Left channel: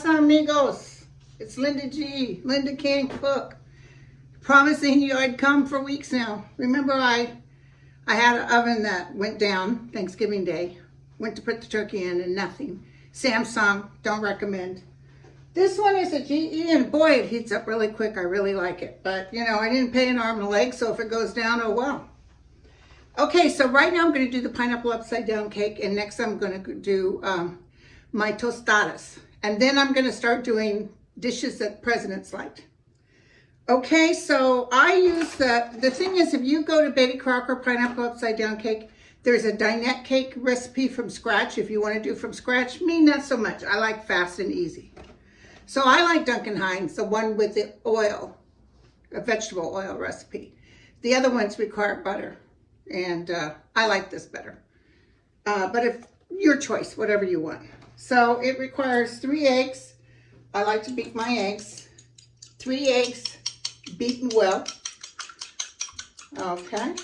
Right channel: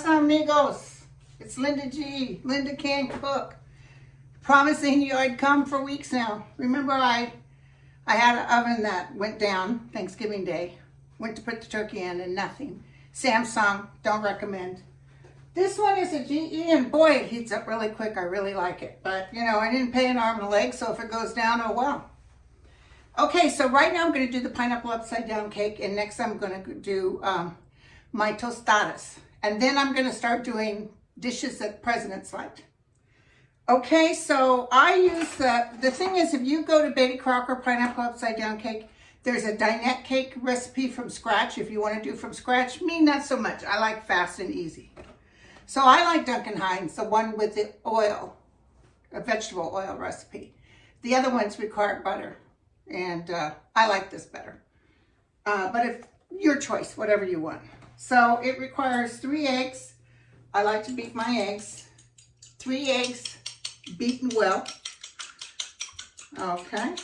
pasa, amigos? It's Linda G. Linda Can't Cook. Promising you I'd come for weeks now. Remember I had an oven that went down Thanksgiving Day. Went to put the turkey in and nothing. Samsung, don't recommend. This one is a GE and boy, it heats up really quick. I really like it. But you know, I didn't pay an arm and a leg, so if it goes down, oh well. Okay, so right now I'm going to do the pineapple upside down cake, and next I'm going to do my tostadas. And then I'm going to start doing dishes that presidents like. Okay, so I use the thing is, if you go to Betty Crocker Pineapple Upside Down Cake, there's a dinette cake recipe from scratch if you want to do from scratch. Me, not so much. I like fast and easy. So I like Duncan Hines, the one with the oil, a vegetable oil recipe. The other ones require butter. And I like this better. But if your choice, whatever you want. So it requires 3 eggs. I like to beat my eggs. 3 eggs beaten well. Okay.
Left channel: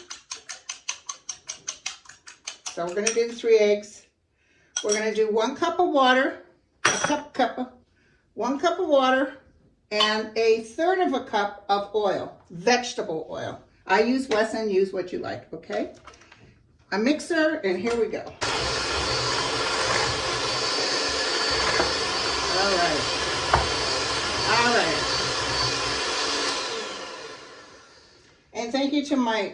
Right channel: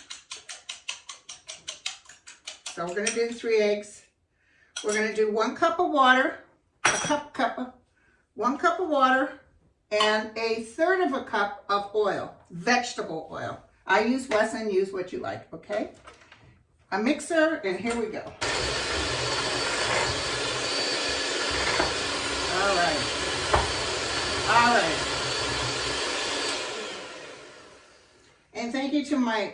So we're going to do 3 eggs. We're going to do 1 cup of water, 1 cup of water, and 1/3 of a cup of oil, vegetable oil. I use Wesson, use what you like, okay? A mixer, and here we go. All right. All right. And thank you to my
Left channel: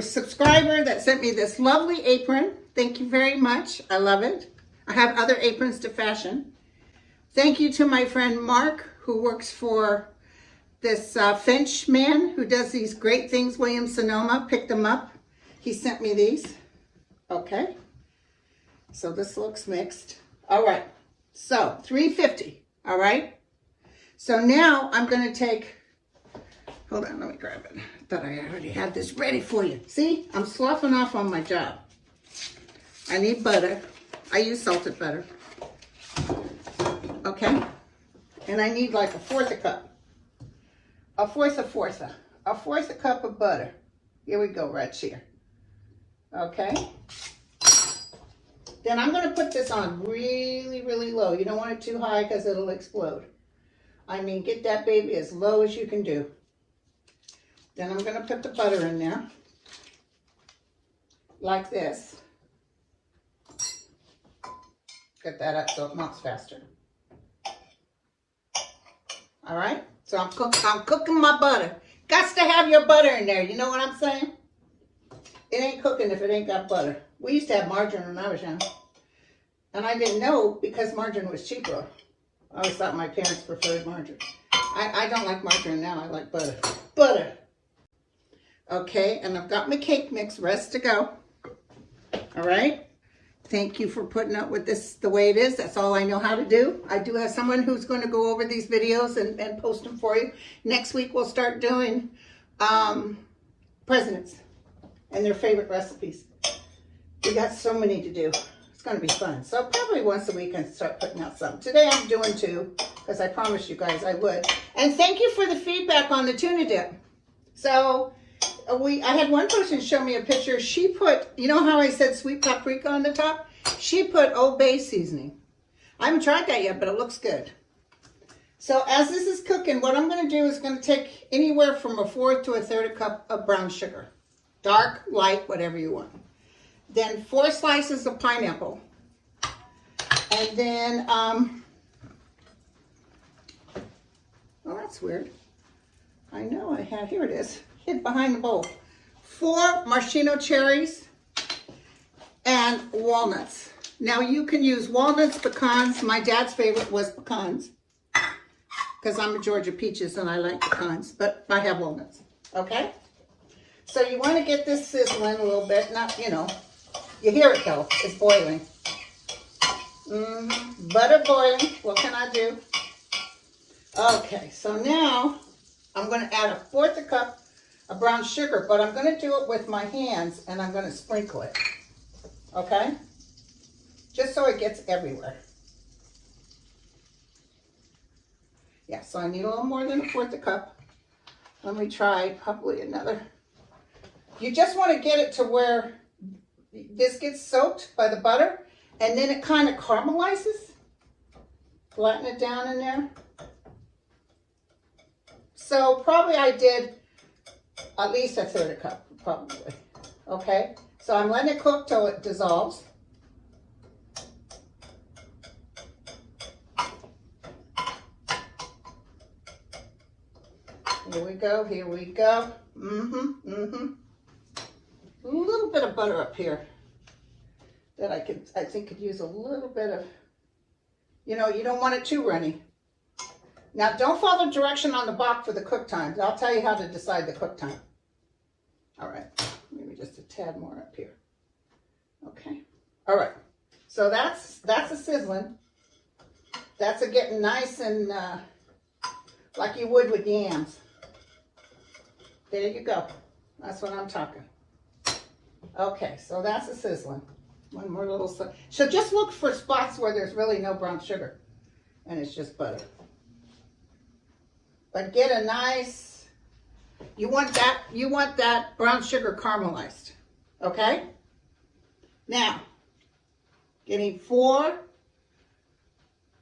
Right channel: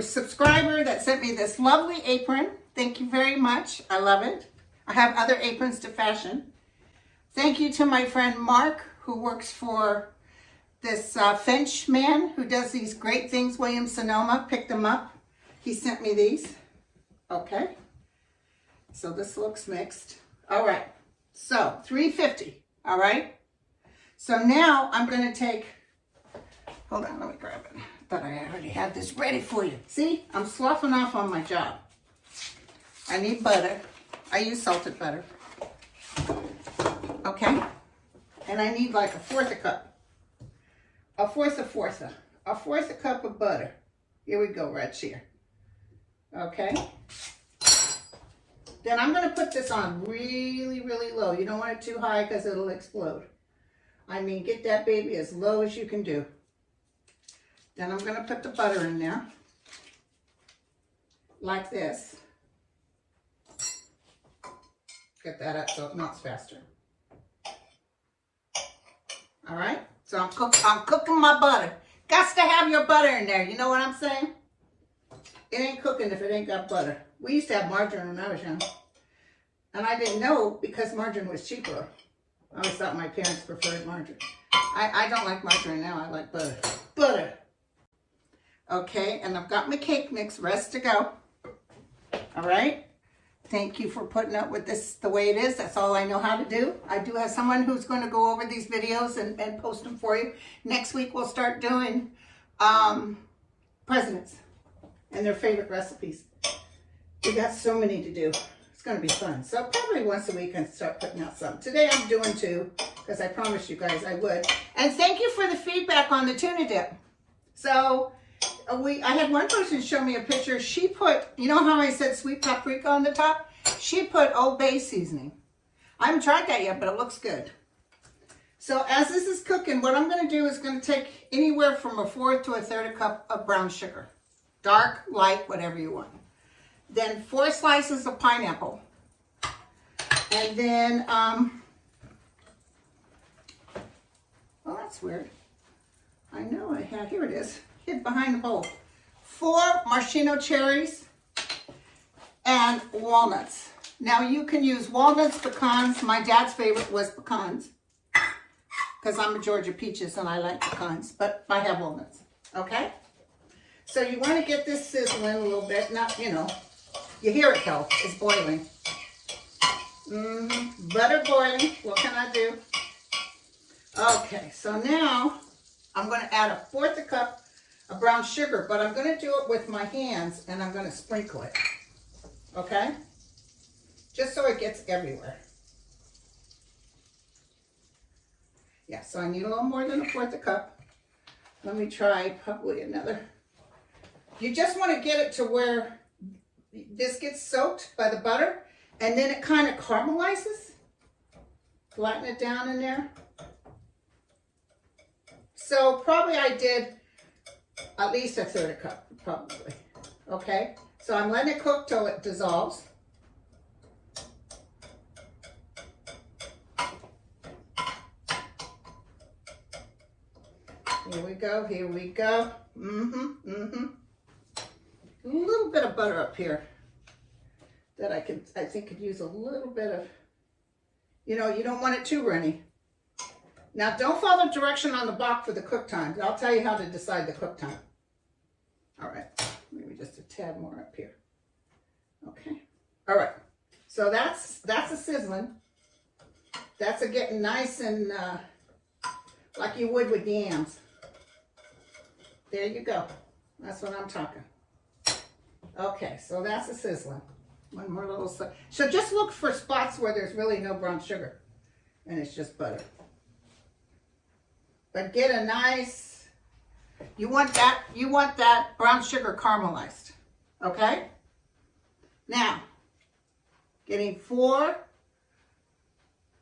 subscriber that sent me this lovely apron. Thank you very much. I love it. I have other aprons to fashion. Thank you to my friend Mark, who works for this Finch man who does these great things. William Sonoma picked them up. He sent me these. Okay. So this looks mixed. All right. So $3.50. All right. So now I'm going to take, hold on, let me grab it. I thought I already had this ready for you. See, I'm sloughing off on my job. I need butter. I use salted butter. Okay. And I need like 1/4 a cup. A fourth a cup of butter. Here we go, right here. Okay. Then I'm going to put this on really, really low. You don't want it too high because it'll explode. I mean, get that baby as low as you can do. Then I'm going to put the butter in there. Like this. Get that up so it melts faster. All right. So I'm cooking my butter. Got to have your butter in there. You know what I'm saying? It ain't cooking if it ain't got butter. We used to have margarine when I was young. And I didn't know because margarine was cheaper. I always thought my parents preferred margarine. I don't like margarine now. I like butter. Butter. Okay, and I've got my cake mix ready to go. All right. Thank you for putting up with this the way it is. That's all I know how to do. I do have someone who's going to go over these videos and post them for you. Next week we'll start doing presidents and their favorite recipes. We got so many to do. It's going to be fun. So probably once a week I start putting out some. Today I'm doing 2 because I promised you guys I would. And thank you for the feedback on the tuna dip. So I had one person show me a picture. She put, you know how I said sweet paprika on the top? She put Old Bay seasoning. I haven't tried that yet, but it looks good. So as this is cooking, what I'm going to do is going to take anywhere from 1/4 to 1/3 cup of brown sugar. Dark, light, whatever you want. Then 4 slices of pineapple. And then, well, that's weird. I know I had, here it is, hid behind the bowl. 4 maraschino cherries and walnuts. Now you can use walnuts, pecans. My dad's favorite was pecans because I'm a Georgia peaches and I like pecans, but I have walnuts, okay? So you want to get this sizzling a little bit, not, you know, you hear it though, it's boiling. Butter boiling, what can I do? Okay, so now I'm going to add 1/4 a cup of brown sugar, but I'm going to do it with my hands and I'm going to sprinkle it, okay? Just so it gets everywhere. Yeah, so I need a little more than 1/4 a cup. Let me try probably another. You just want to get it to where this gets soaked by the butter and then it kind of caramelizes. Flatten it down in there. So probably I did at least a third cup, probably. Okay, so I'm letting it cook till it dissolves. Here we go, here we go. A little bit of butter up here that I think could use a little bit of, you know, you don't want it too runny. Now don't follow direction on the box for the cook time. I'll tell you how to decide the cook time. All right, maybe just a tad more up here. Okay, all right. So that's a sizzling. That's a getting nice and like you would with yams. There you go. That's what I'm talking. Okay, so that's a sizzling. One more little, so just look for spots where there's really no brown sugar and it's just butter. But get a nice, you want that brown sugar caramelized, okay? Now, getting 4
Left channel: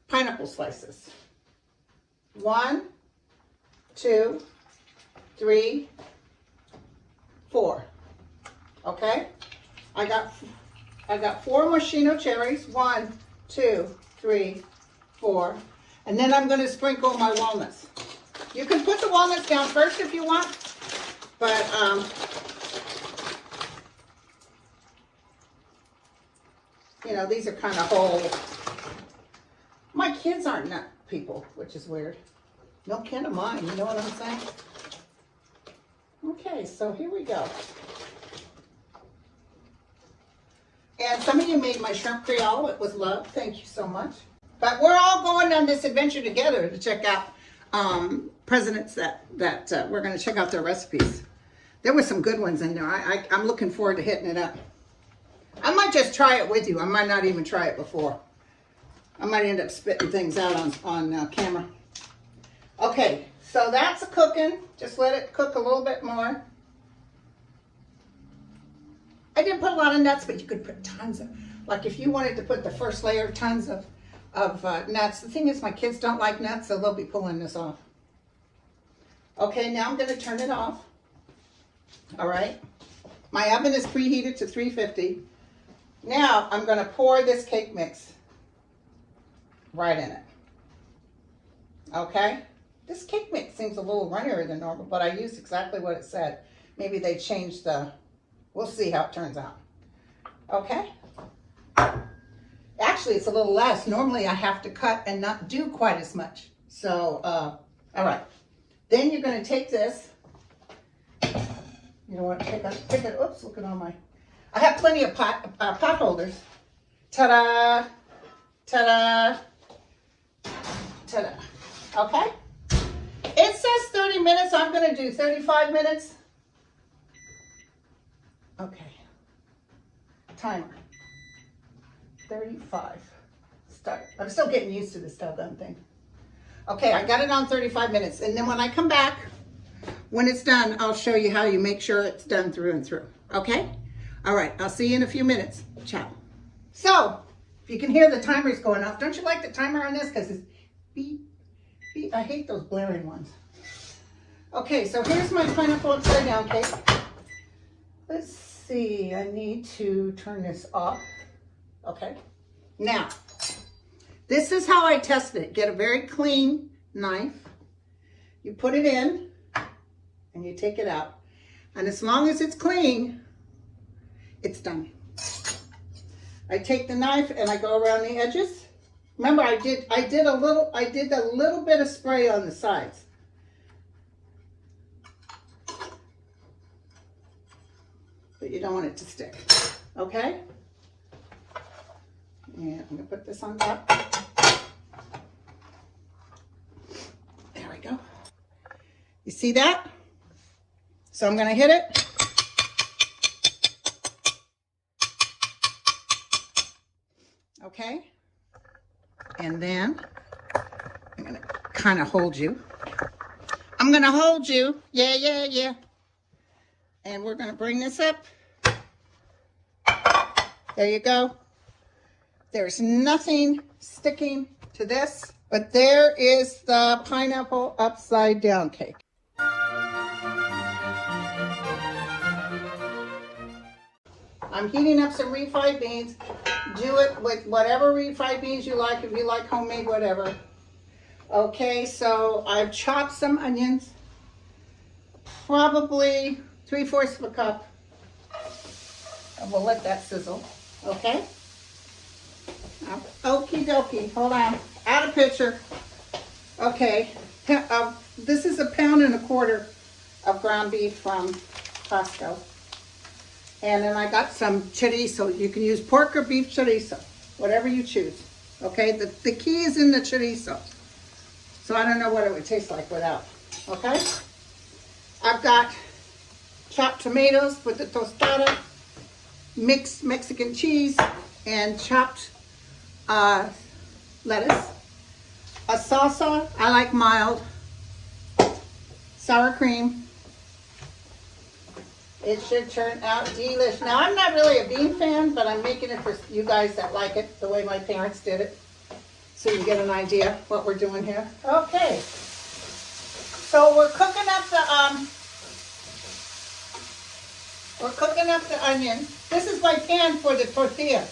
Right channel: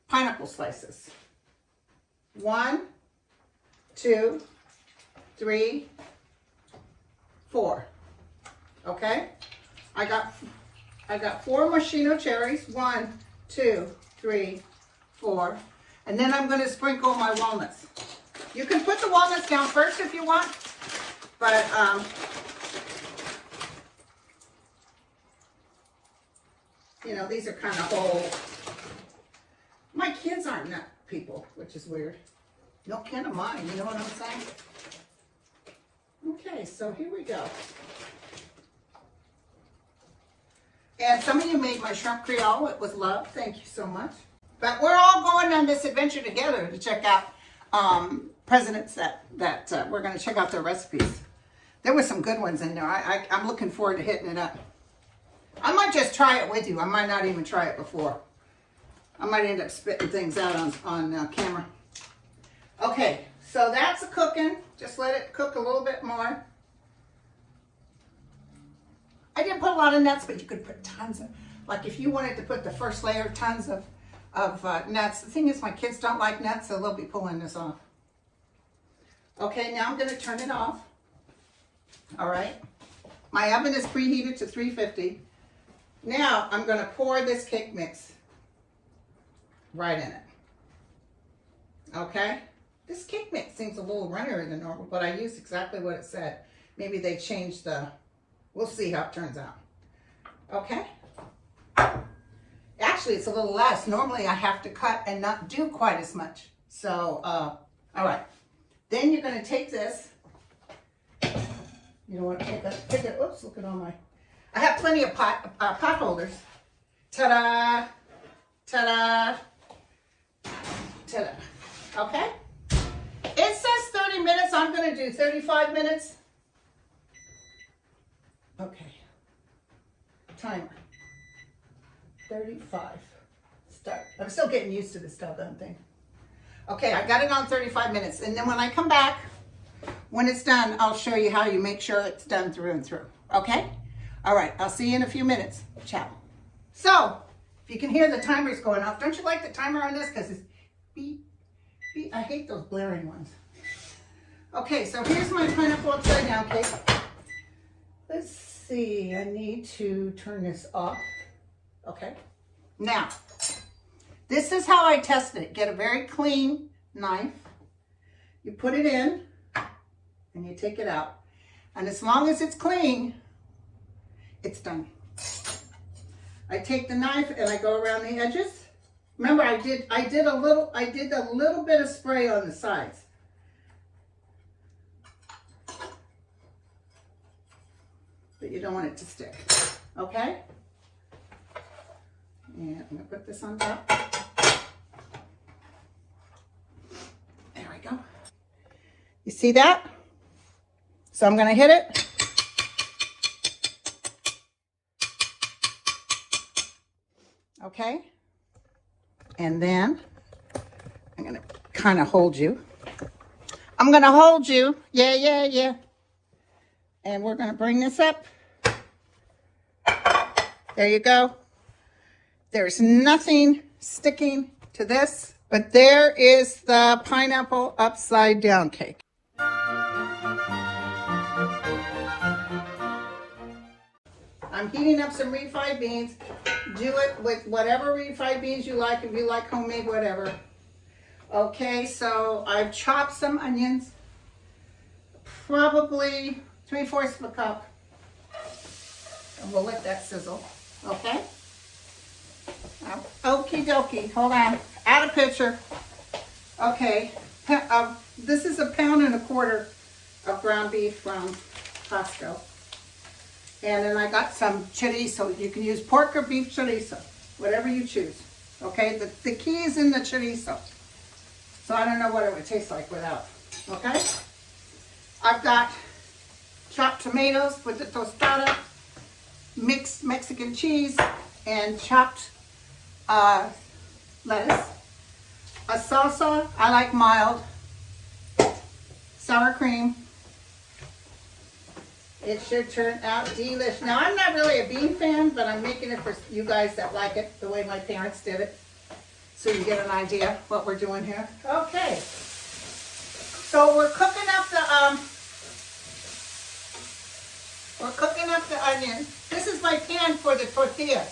pineapple slices. 1, 2, 3, 4. Okay? I got 4 maraschino cherries. 1, 2, 3, 4. And then I'm going to sprinkle my walnuts. You can put the walnuts down first if you want, but you know, these are kind of whole. My kids aren't nut people, which is weird. No kid of mine, you know what I'm saying? Okay, so here we go. And some of you made my shrimp creole. It was love. Thank you so much. But we're all going on this adventure together to check out presidents that we're going to check out their recipes. There were some good ones in there. I'm looking forward to hitting it up. I might just try it with you. I might not even try it before. I might end up spitting things out on camera. Okay, so that's a cooking. Just let it cook a little bit more. I didn't put a lot of nuts, but you could put tons of, like if you wanted to put the first layer, tons of nuts. The thing is, my kids don't like nuts, so they'll be pulling this off. Okay, now I'm going to turn it off. All right. My oven is preheated to 350. Now I'm going to pour this cake mix right in it. Okay. This cake mix seems a little runnier than normal, but I used exactly what it said. Maybe they changed the, we'll see how it turns out. Okay. Actually, it's a little less. Normally I have to cut and not do quite as much. So, all right. Then you're going to take this. You know what? Take it. Oops, look at all my. I have plenty of pot holders. Ta-da! Ta-da! Ta-da! Okay. It says 30 minutes. I'm going to do 35 minutes. Okay. Timer. 35. Start. I'm still getting used to this doggone thing. Okay, I got it on 35 minutes. And then when I come back, when it's done, I'll show you how you make sure it's done through and through. Okay? All right, I'll see you in a few minutes. Ciao. So, if you can hear the timers going off, don't you like the timer on this? Because it's beep, beep. I hate those blaring ones. Okay, so here's my pineapple upside down cake. Let's see, I need to turn this off. Okay, now, this is how I test it. Get a very clean knife. You put it in and you take it out. And as long as it's clean, it's done. I take the knife and I go around the edges. Remember, I did a little bit of spray on the sides. But you don't want it to stick. Okay? Yeah, I'm gonna put this on top. There we go. You see that? So I'm gonna hit it. Okay. And then I'm gonna kind of hold you. I'm gonna hold you. Yeah, yeah, yeah. And we're gonna bring this up. There you go. There's nothing sticking to this, but there is the pineapple upside down cake. I'm heating up some refried beans. Do it with whatever refried beans you like, if you like homemade, whatever. Okay, so I've chopped some onions, probably 3/4 of a cup. And we'll let that sizzle, okay? Okie dokie, hold on, add a picture. Okay, this is 1.25 pounds of ground beef from Costco. And then I got some chorizo. You can use pork or beef chorizo, whatever you choose. Okay, the key is in the chorizo. So I don't know what it would taste like without. Okay? I've got chopped tomatoes with the tostada, mixed Mexican cheese, and chopped lettuce. A salsa, I like mild. Sour cream. It should turn out delish. Now, I'm not really a bean fan, but I'm making it for you guys that like it the way my parents did it, so you get an idea what we're doing here. Okay. So we're cooking up the onion. This is my pan for the tortillas.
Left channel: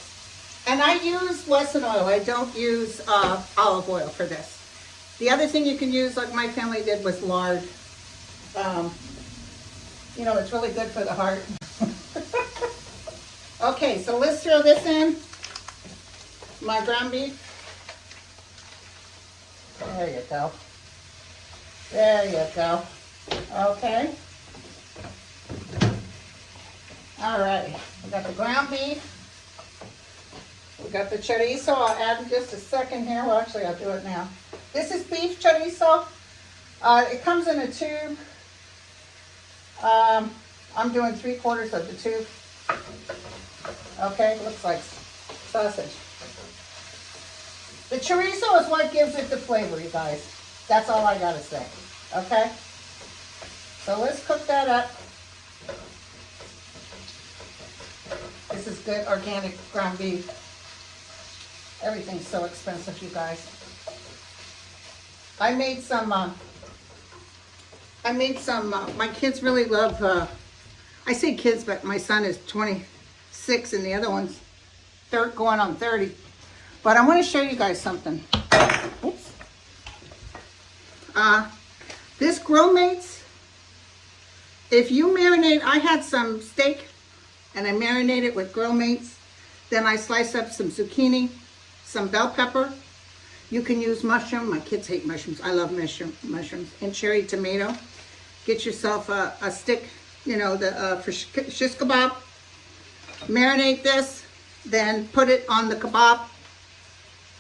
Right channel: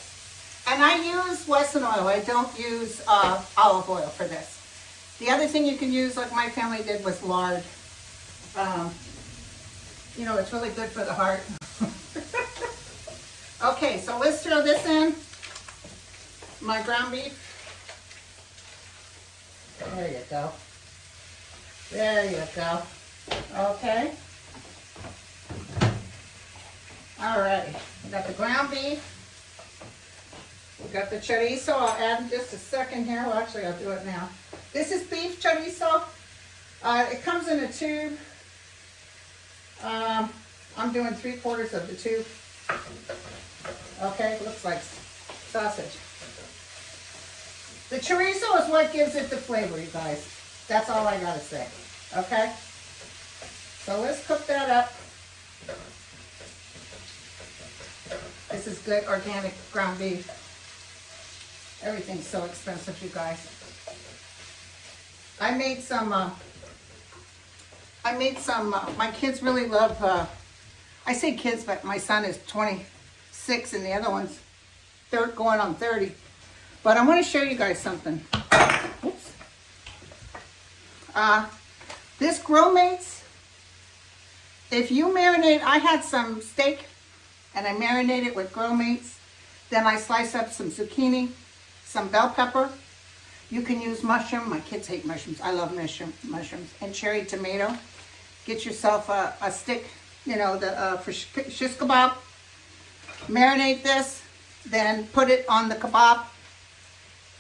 And I use Wesson oil. I don't use olive oil for this. The other thing you can use, like my family did, was lard. You know, it's really good for the heart. Okay, so let's throw this in. My ground beef. There you go. There you go. Okay. All right. We got the ground beef. We got the chorizo. I'll add in just a second here. Well, actually, I'll do it now. This is beef chorizo. It comes in a tube. I'm doing 3/4 of the tube. Okay, looks like sausage. The chorizo is what gives it the flavor, you guys. That's all I gotta say. Okay? So let's cook that up. This is good organic ground beef. Everything's so expensive, you guys. I made some, my kids really love, I say kids, but my son is 26 and the other one's going on 30. But I want to show you guys something. Oops. This Grill Mates, if you marinate, I had some steak and I marinated with Grill Mates. Then I slice up some zucchini, some bell pepper. You can use mushroom. My kids hate mushrooms. I love mushrooms. And cherry tomato. Get yourself a stick, you know, for shish kebab. Marinate this, then put it on the kebab.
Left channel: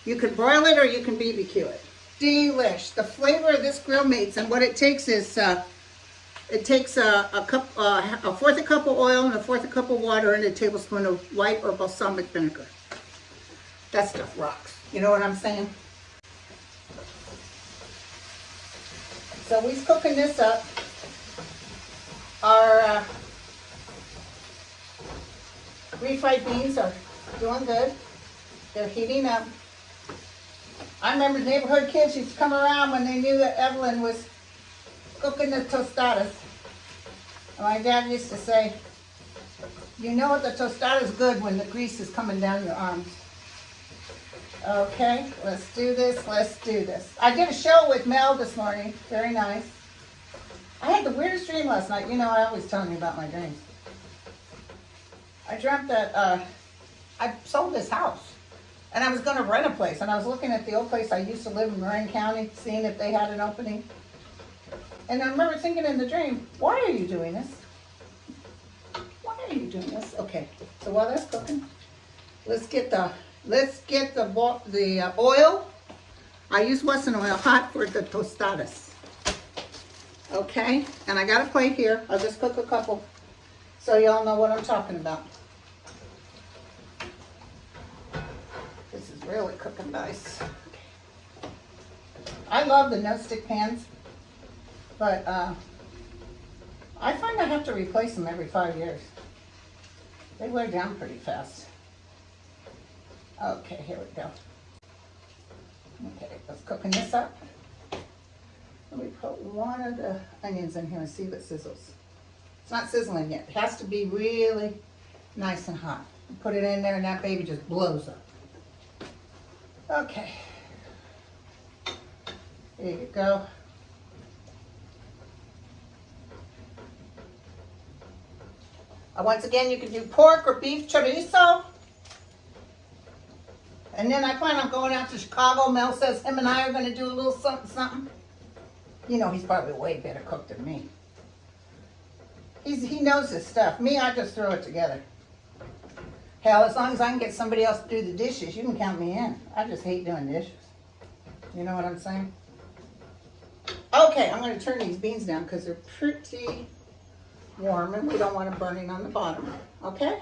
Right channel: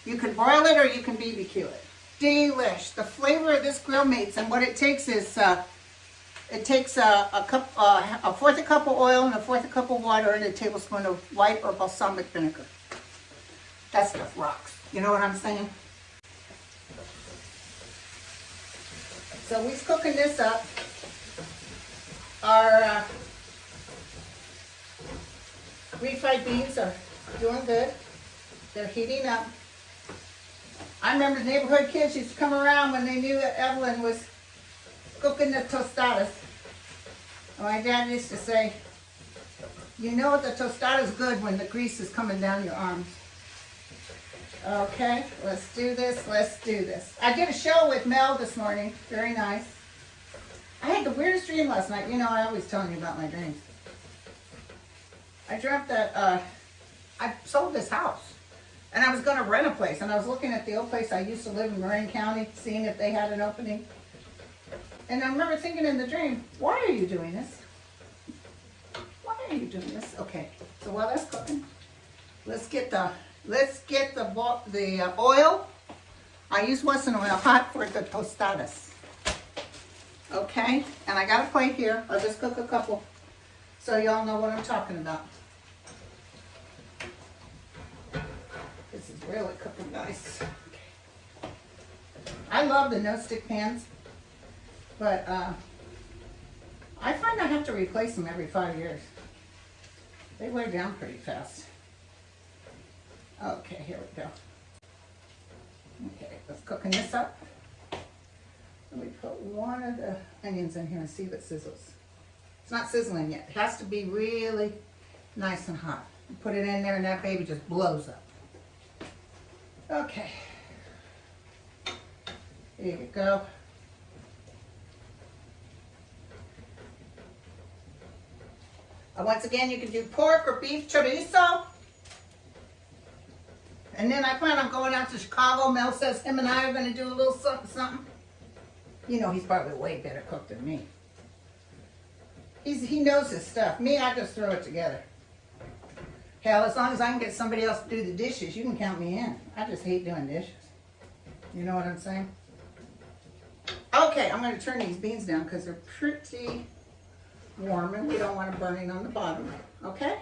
You can broil it or you can BBQ it. Delish. The flavor of this Grill Mates, and what it takes is, it takes a 1/4 cup of oil and a 1/4 cup of water and a tablespoon of white or balsamic vinegar. That stuff rocks. You know what I'm saying? So we're cooking this up. Our refried beans are doing good. They're heating up. I remember neighborhood kids used to come around when they knew that Evelyn was cooking the tostadas. My dad used to say, you know the tostada is good when the grease is coming down your arms. Okay, let's do this, let's do this. I did a show with Mel this morning, very nice. I had the weirdest dream last night. You know, I always tell you about my dreams. I dreamt that I sold this house. And I was going to rent a place. And I was looking at the old place I used to live in Marin County, seeing if they had an opening. And I remember thinking in the dream, why are you doing this? Why are you doing this? Okay, so while that's cooking, let's get the oil. I use Wesson oil hot for the tostadas. Okay, and I got a plate here. I'll just cook a couple so y'all know what I'm talking about. This is really cooking nice. I love the no-stick pans, but I find I have to replace them every 5 years. They wear down pretty fast. Okay, here we go. Okay, let's cooking this up. Let me put one of the onions in here and see if it sizzles. It's not sizzling yet. It has to be really nice and hot. You put it in there and that baby just blows up. Okay. There we go. Once again, you can do pork or beef chorizo. And then I plan on going out to Chicago. Mel says him and I are going to do a little something, something. You know, he's probably way better cooked than me. He knows his stuff. Me, I just throw it together. Hell, as long as I can get somebody else to do the dishes, you can count me in. I just hate doing dishes. You know what I'm saying? Okay, I'm going to turn these beans down because they're pretty warm and we don't want them burning on the bottom. Okay?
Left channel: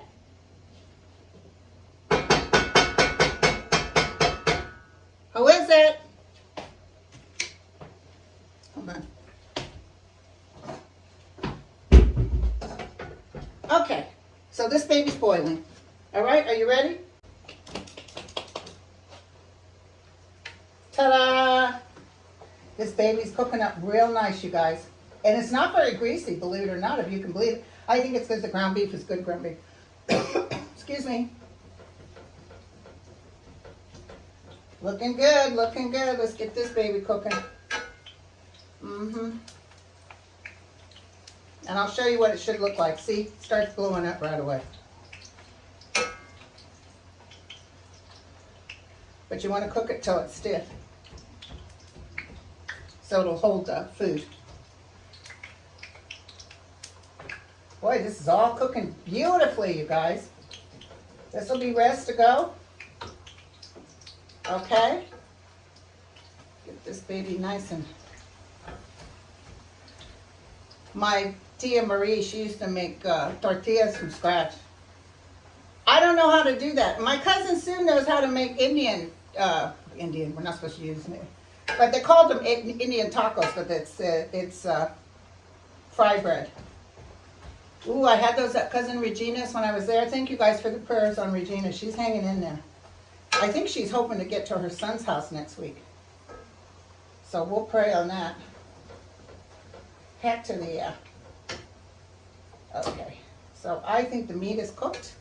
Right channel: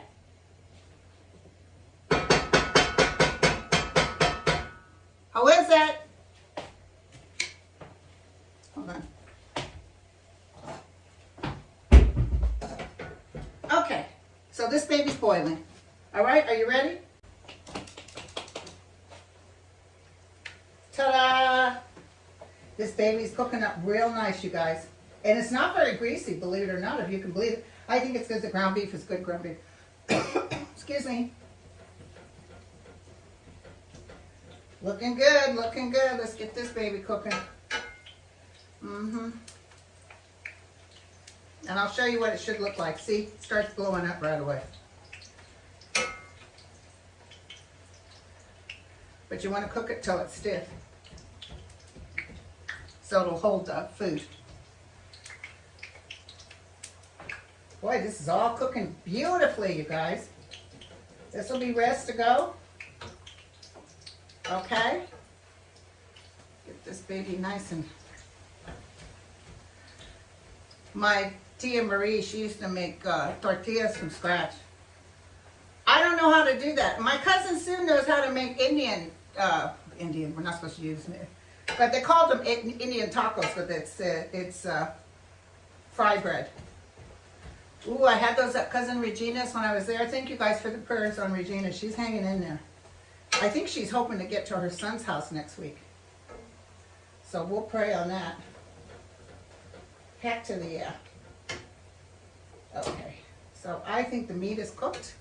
How is it? Okay. Okay, so this baby's boiling. All right, are you ready? Ta-da! This baby's cooking up real nice, you guys. And it's not very greasy, believe it or not, if you can believe it. I think it's because the ground beef is good ground beef. Excuse me. Looking good, looking good. Let's get this baby cooking. And I'll show you what it should look like. See, it starts glowing up right away. But you want to cook it till it's stiff, so it'll hold the food. Boy, this is all cooking beautifully, you guys. This will be rest to go. Okay. Get this baby nice and... My Tia Marie, she used to make tortillas from scratch. I don't know how to do that. My cousin Sue knows how to make Indian, we're not supposed to use it. But they called them Indian tacos, but it's fry bread. Ooh, I had those at Cousin Regina's when I was there. Thank you guys for the prayers on Regina. She's hanging in there. I think she's hoping to get to her son's house next week. So we'll pray on that. Heck to the yeah. Okay, so I think the meat is cooked.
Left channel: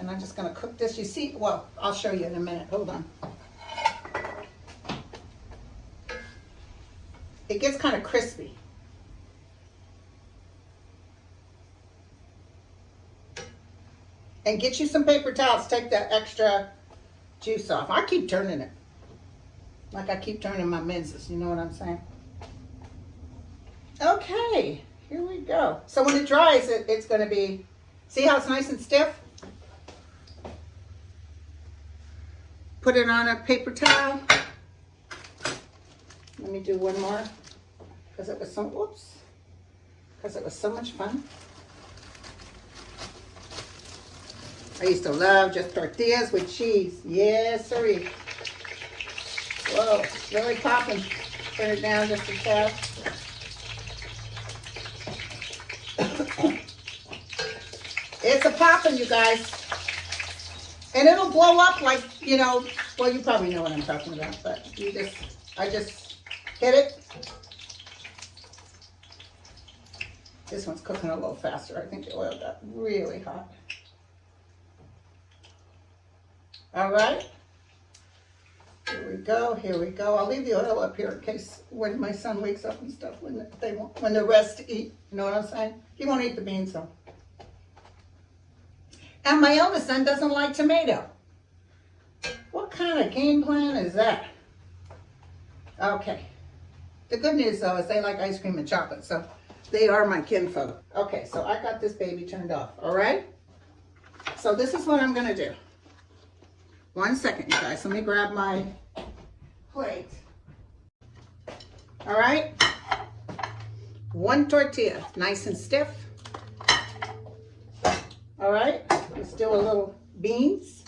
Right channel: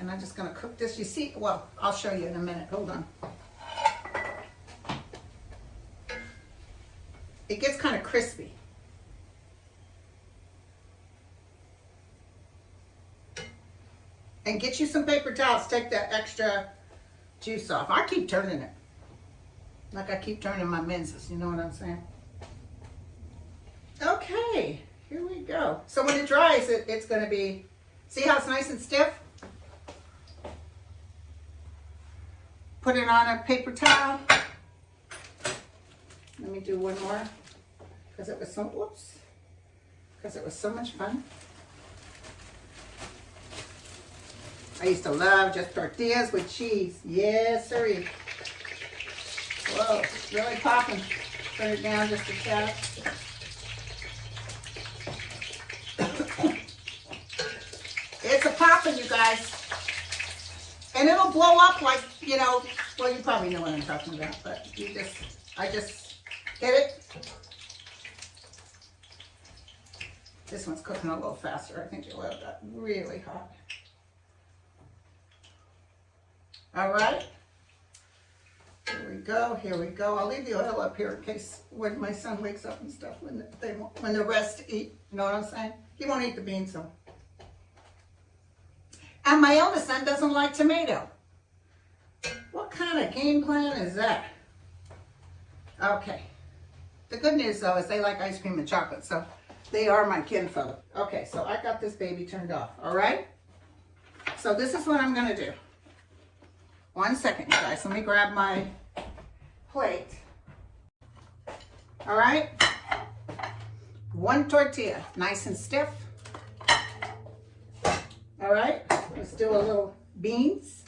And I'm just going to cook this. You see, well, I'll show you in a minute. Hold on. It gets kind of crispy. And get you some paper towels. Take that extra juice off. I keep turning it. Like I keep turning my menses. You know what I'm saying? Okay, here we go. So when it dries, it's going to be, see how it's nice and stiff? Put it on a paper towel. Let me do one more because it was so, whoops, because it was so much fun. I used to love just tortillas with cheese. Yes, sirree. Whoa, really popping. Put it down just a touch. It's a popping, you guys. And it'll blow up like, you know, well, you probably know what I'm talking about, but I just hit it. This one's cooking a little faster. I think the oil got really hot. All right. Here we go, here we go. I'll leave the oil up here in case when my son wakes up and stuff, when they're rest to eat. You know what I'm saying? He won't eat the beans though. And my eldest son doesn't like tomato. What kind of game plan is that? Okay. The good news though is they like ice cream and chocolate, so they are my kinfolk. Okay, so I got this baby turned off, all right? So this is what I'm gonna do. 1 second, you guys. Let me grab my plate. All right? 1 tortilla, nice and stiff. All right? Let's do a little beans.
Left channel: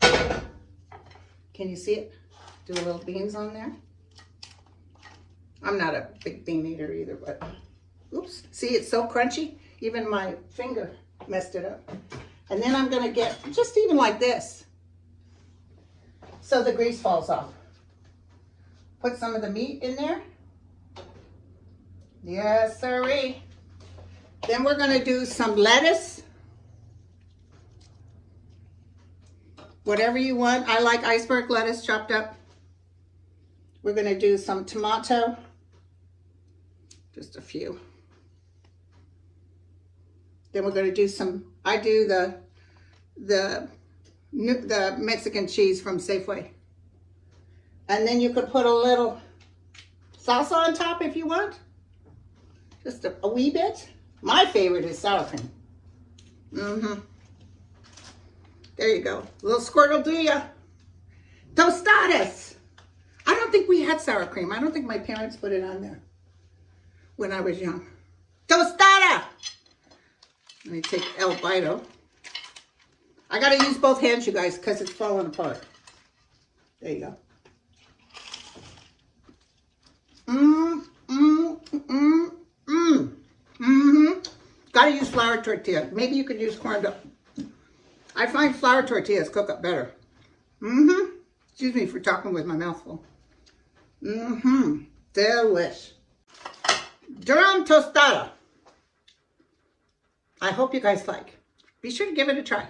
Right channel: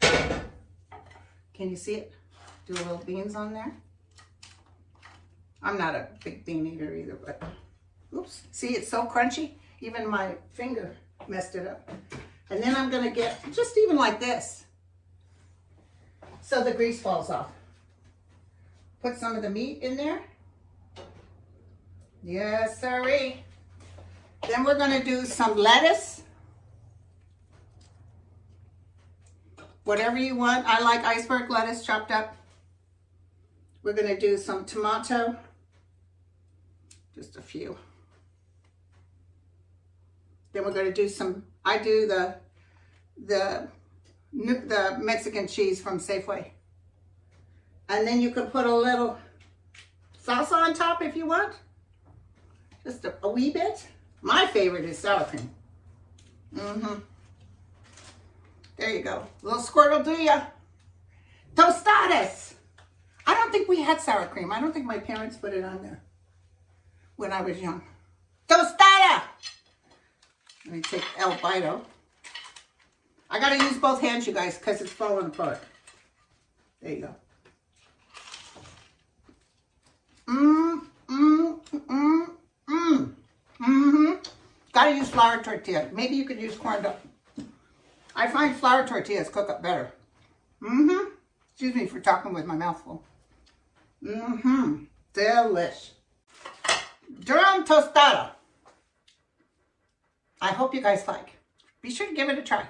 Can you see it? Do a little beans on there. I'm not a big bean eater either, but oops. See, it's so crunchy. Even my finger messed it up. And then I'm gonna get just even like this, so the grease falls off. Put some of the meat in there. Yes, sirree. Then we're gonna do some lettuce. Whatever you want. I like iceberg lettuce chopped up. We're gonna do some tomato. Just a few. Then we're gonna do some, I do the Mexican cheese from Safeway. And then you could put a little salsa on top if you want. Just a wee bit. My favorite is sour cream. There you go. A little squirt will do ya. Tostadas. I don't think we had sour cream. I don't think my parents put it on there when I was young. Tostada. I take El Bito. I gotta use both hands, you guys, because it's falling apart. There you go. Gotta use flour tortilla. Maybe you could use corn dough. I find flour tortillas cook up better. Excuse me for talking with my mouth full. Delish. Durham tostada. I hope you guys like. Be sure to give it a try.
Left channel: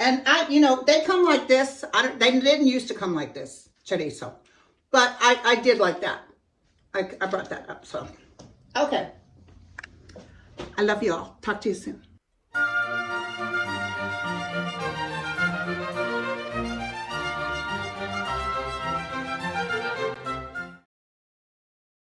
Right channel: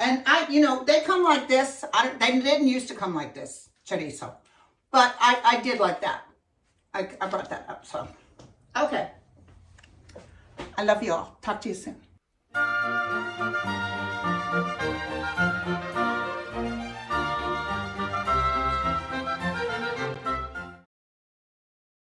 And you know, they come like this. They didn't used to come like this, chorizo. But I did like that. I brought that up, so. Okay. I love you all. Talk to you soon.